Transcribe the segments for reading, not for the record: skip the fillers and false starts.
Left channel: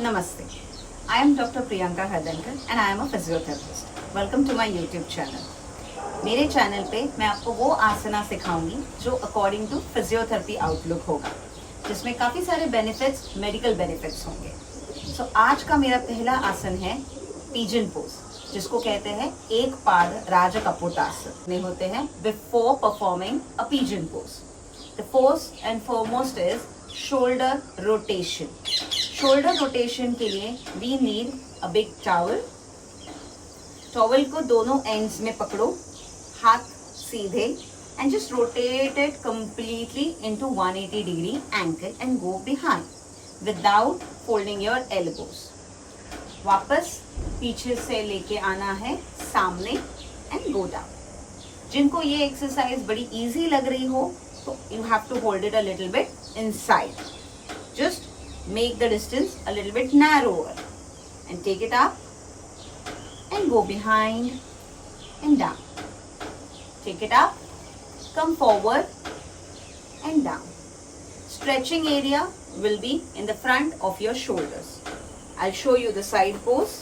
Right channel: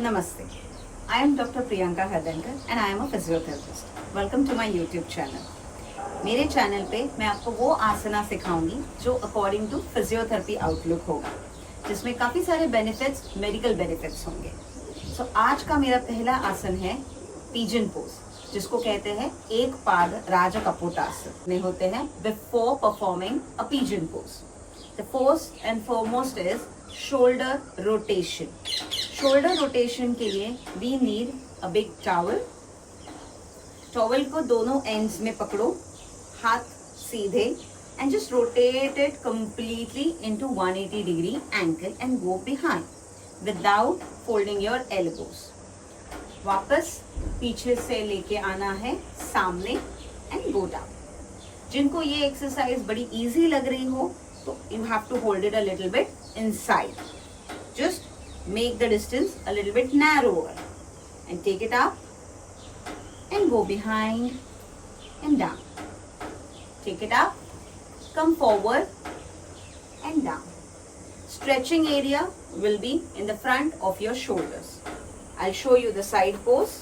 Namaste. I am Dr. Priyanka Hardankar and I am a physiotherapist. Welcome to my YouTube channel. मेरे channel पे मैं आपको वो आसना सिखाऊंगी जो अकॉर्डिंग टू फिजियोथेरेपी आउटलुक होगा, जिसमें काफ़ी सारे बेनिफिट्स, मेडिकल बेनिफिट्स होंगे। सो आज का मेरा पहला आसन है पिजन पोज, जिसको कहते हैं एक पाद राजकपोतासन में होते हैं before performing a pigeon pose. The first and foremost is shoulder rotation. Shoulder rotation के लिए we need a big towel. Towel को दोनों एंड्स में पकड़ो, हाथ सीधे, and just rotate it completely into 180 degree angle and go behind without folding your elbows. वापस पीछे से लेके आना है सामने एंड गो डाउन। जिनको ये एक्सरसाइज बड़ी इजी लग रही हो तो you have to hold it a little bit inside. Just make the distance a little bit narrower and take it up and go behind and down. Take it up, come forward and down. Stretching area will be in the front of your shoulders. I'll show you the side pose.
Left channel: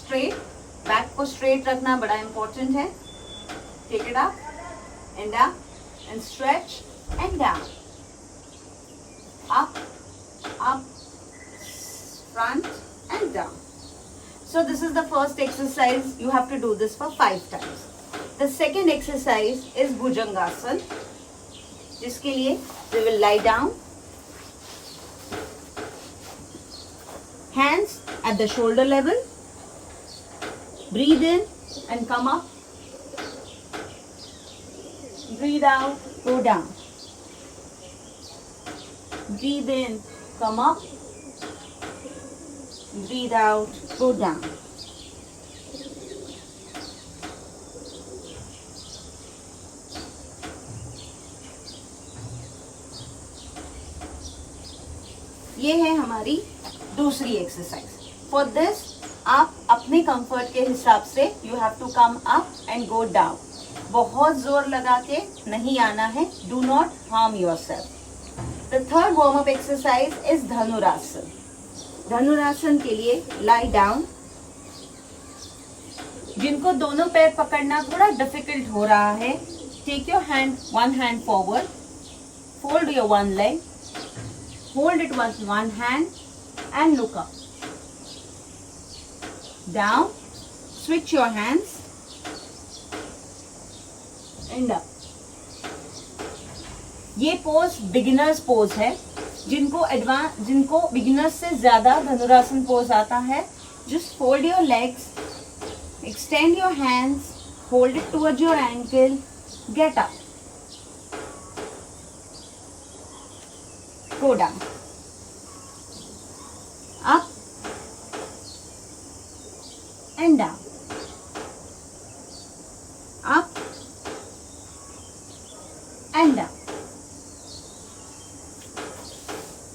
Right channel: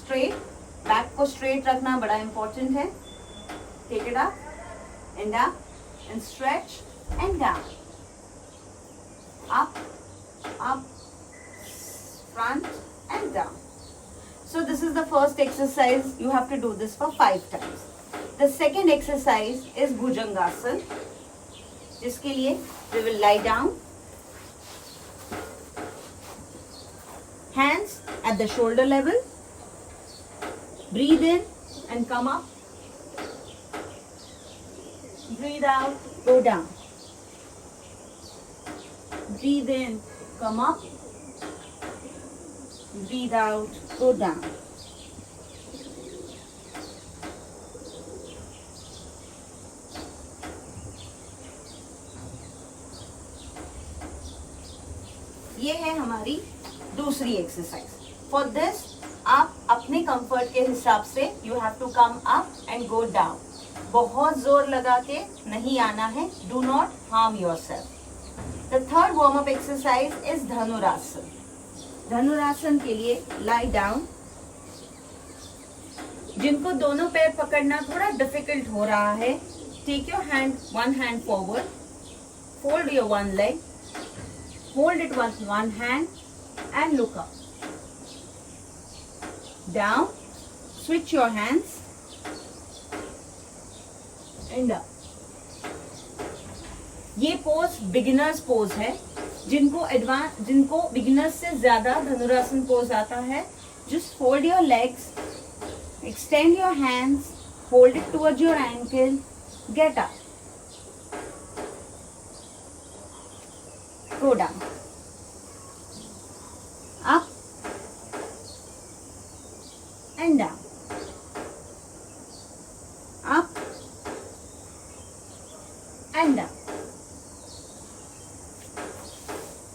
Straight, back को straight रखना बड़ा important है. Take it up and stretch and down. Up, front and down. So this is the first exercise. You have to do this for 5 times. The second exercise is Bhujangasana, जिसके लिए we will lie down, hands at the shoulder level, breathe in and come up, breathe out, go down. Breathe in, come up, breathe out, go down. ये है हमारी दूसरी exercise. For this आप अपने comfort के हिसाब से you have to come up and go down. बहुत जोर लगा के नहीं आना है. Do not harm yourself. The third warm up exercise is Dhanurasana. Dhanurasana के लिए lie down. जिनको दोनों पैर पकड़ना थोड़ा डिफिकल्ट हो रहा है, take your one hand forward, fold your one leg, hold it with one hand and look up. Down, switch your hands and up. ये पोज बिगिनर्स पोज है. जिनको बिगिनर्स से ज्यादा धनुरासन पोज आता है, just fold your legs, extend your hands, hold it towards your ankle, get up, go down, up and down, up and down.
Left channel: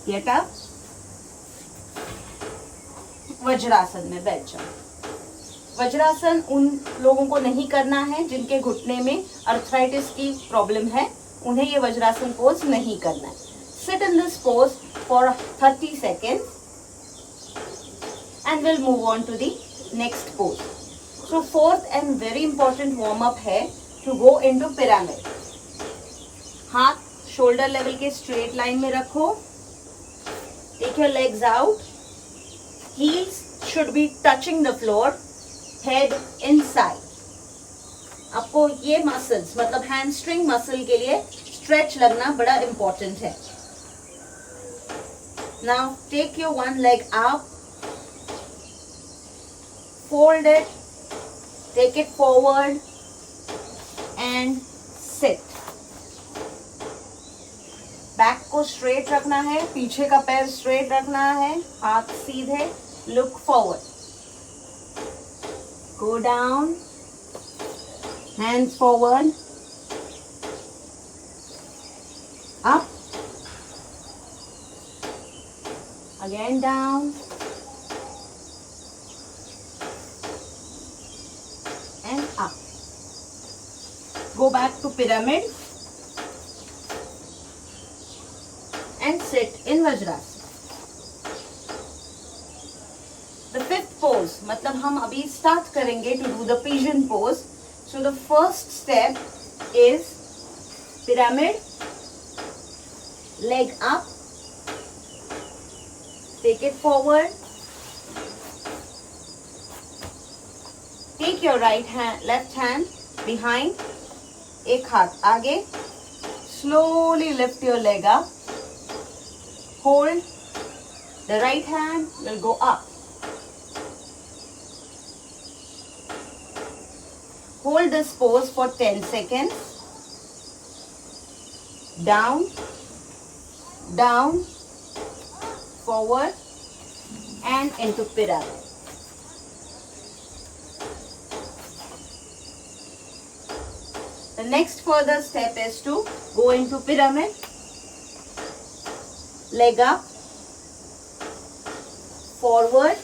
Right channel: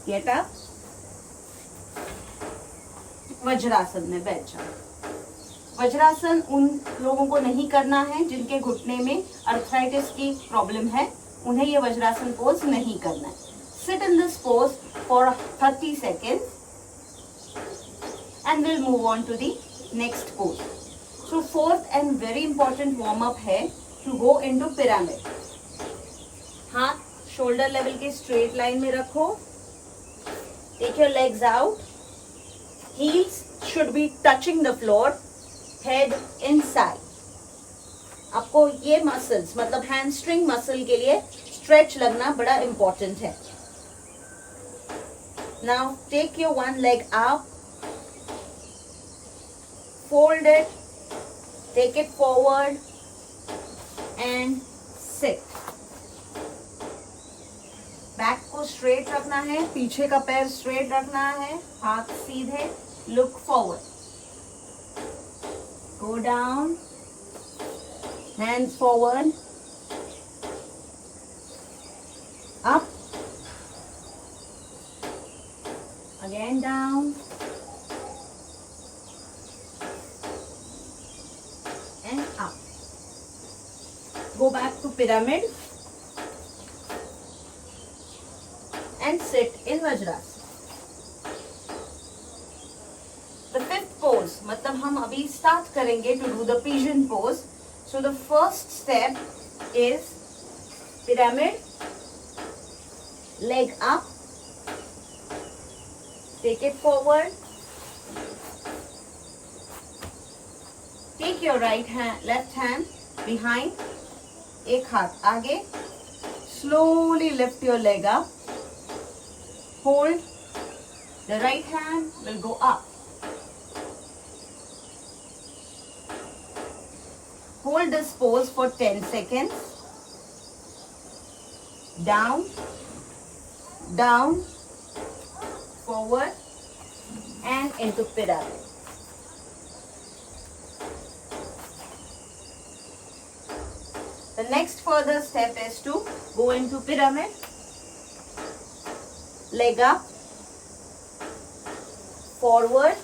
Get up. Vajrasana में बैठ जाओ. वज्रासन उन लोगों को नहीं करना है जिनके घुटने में अर्थराइटिस की प्रॉब्लम है. उन्हें ये वज्रासन पोज नहीं करना है. Sit in this pose for 30 seconds and we'll move on to the next pose. So fourth and very important warm up है to go into pyramid. हाथ शोल्डर लेवल के स्ट्रेट लाइन में रखो. Take your legs out. Heels should be touching the floor. Head inside. आपको ये muscles मतलब hamstring muscle के लिए स्ट्रेच लगना बड़ा इंपॉर्टेंट है. Now take your one leg up. Fold it. Take it forward and sit. Back को straight रखना है, पीछे का पैर स्ट्रेट रखना है, हाथ सीधे, look forward, go down, hands forward, up, again down and up. Go back to pyramid and sit in Vajrasana. The fifth pose, मतलब हम अभी start करेंगे to do the pigeon pose. So the first step is pyramid, leg up, take it forward, take your left hand behind, एक हाथ आगे, slowly lift your leg up, hold, the right hand will go up. Hold this pose for 10 seconds. Down, down, forward, and into pyramid. The next further step is to go into pyramid, leg up, forward,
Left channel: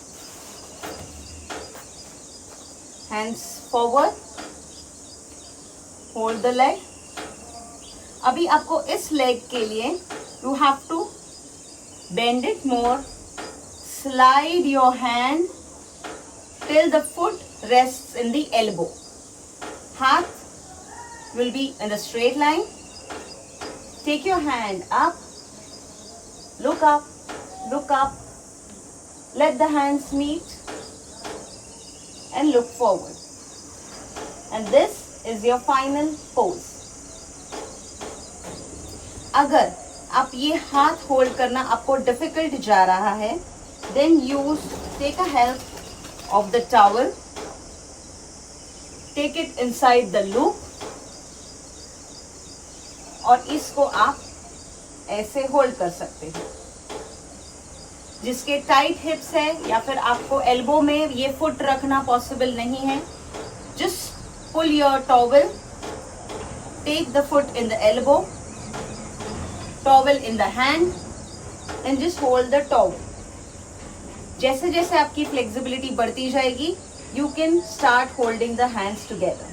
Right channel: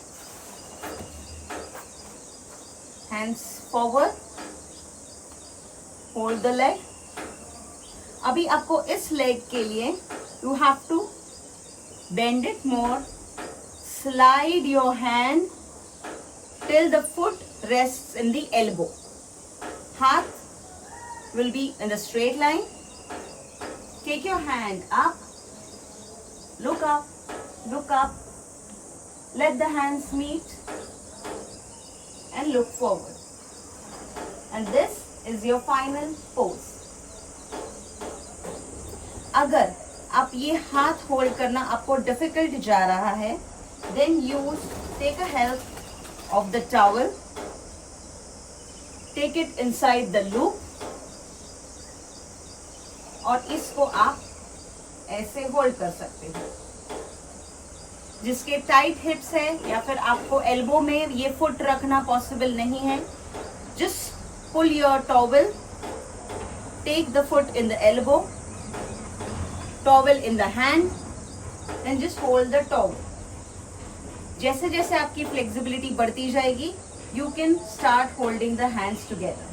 hands forward, hold the leg. अभी आपको इस leg के लिए you have to bend it more, slide your hand till the foot rests in the elbow. Heart will be in the straight line. Take your hand up, look up, look up. Let the hands meet and look forward. And this is your final pose. अगर आप ये हाथ hold करना आपको difficult जा रहा है, then use take a help of the towel, take it inside the loop और इसको आप ऐसे होल्ड कर सकते हो. जिसके टाइट हिप्स है या फिर आपको एल्बो में ये फुट रखना पॉसिबल नहीं है, just pull your towel, take the foot in the elbow, towel in the hand and just hold the towel. जैसे जैसे आपकी फ्लेक्सिबिलिटी बढ़ती जाएगी, you can start holding the hands together.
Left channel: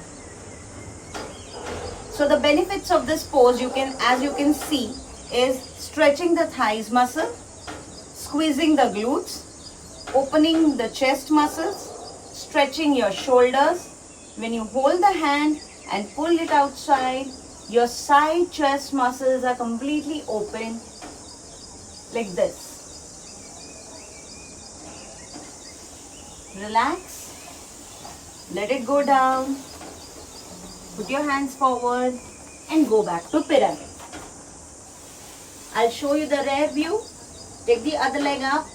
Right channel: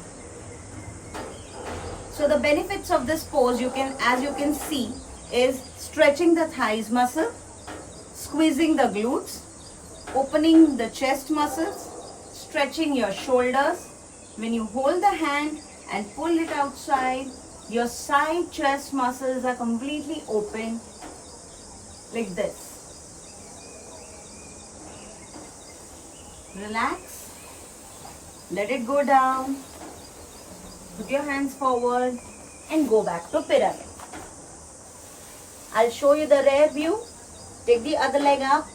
So the benefits of this pose, as you can see, is stretching the thighs muscle, squeezing the glutes, opening the chest muscles, stretching your shoulders. When you hold the hand and pull it outside, your side chest muscles are completely open like this. Relax, let it go down, put your hands forward and go back to pyramid. I'll show you the rear view. Take the other leg up,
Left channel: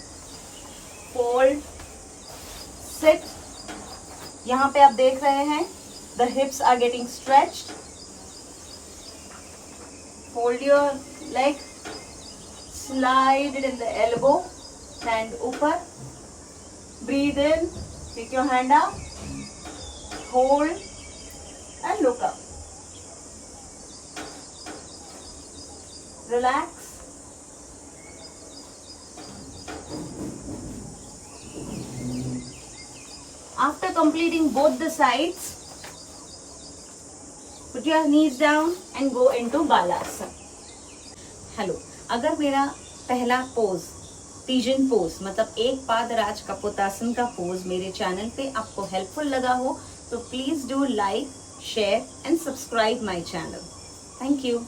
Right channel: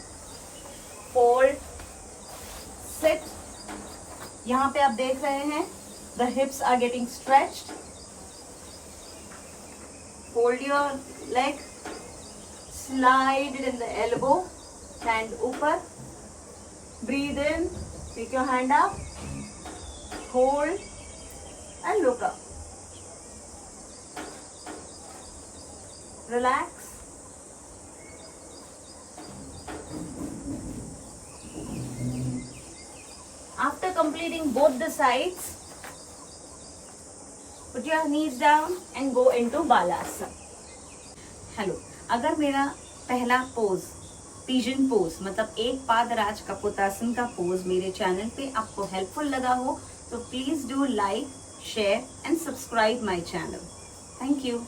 fold, sit. यहाँ पे आप देख रहे हैं the hips are getting stretched. Hold your leg, slide it in the elbow, hand ऊपर, breathe in, take your hand up, hold and look up. Relax. After completing both the sides, put your knees down and go into Balasana. Hello, अगर मेरा पहला pose pigeon pose मतलब एक पाद राज कपोतासन का pose मेरे channel पे आपको हेल्पफुल लगा हो तो please do like, share and subscribe my channel. Thank you.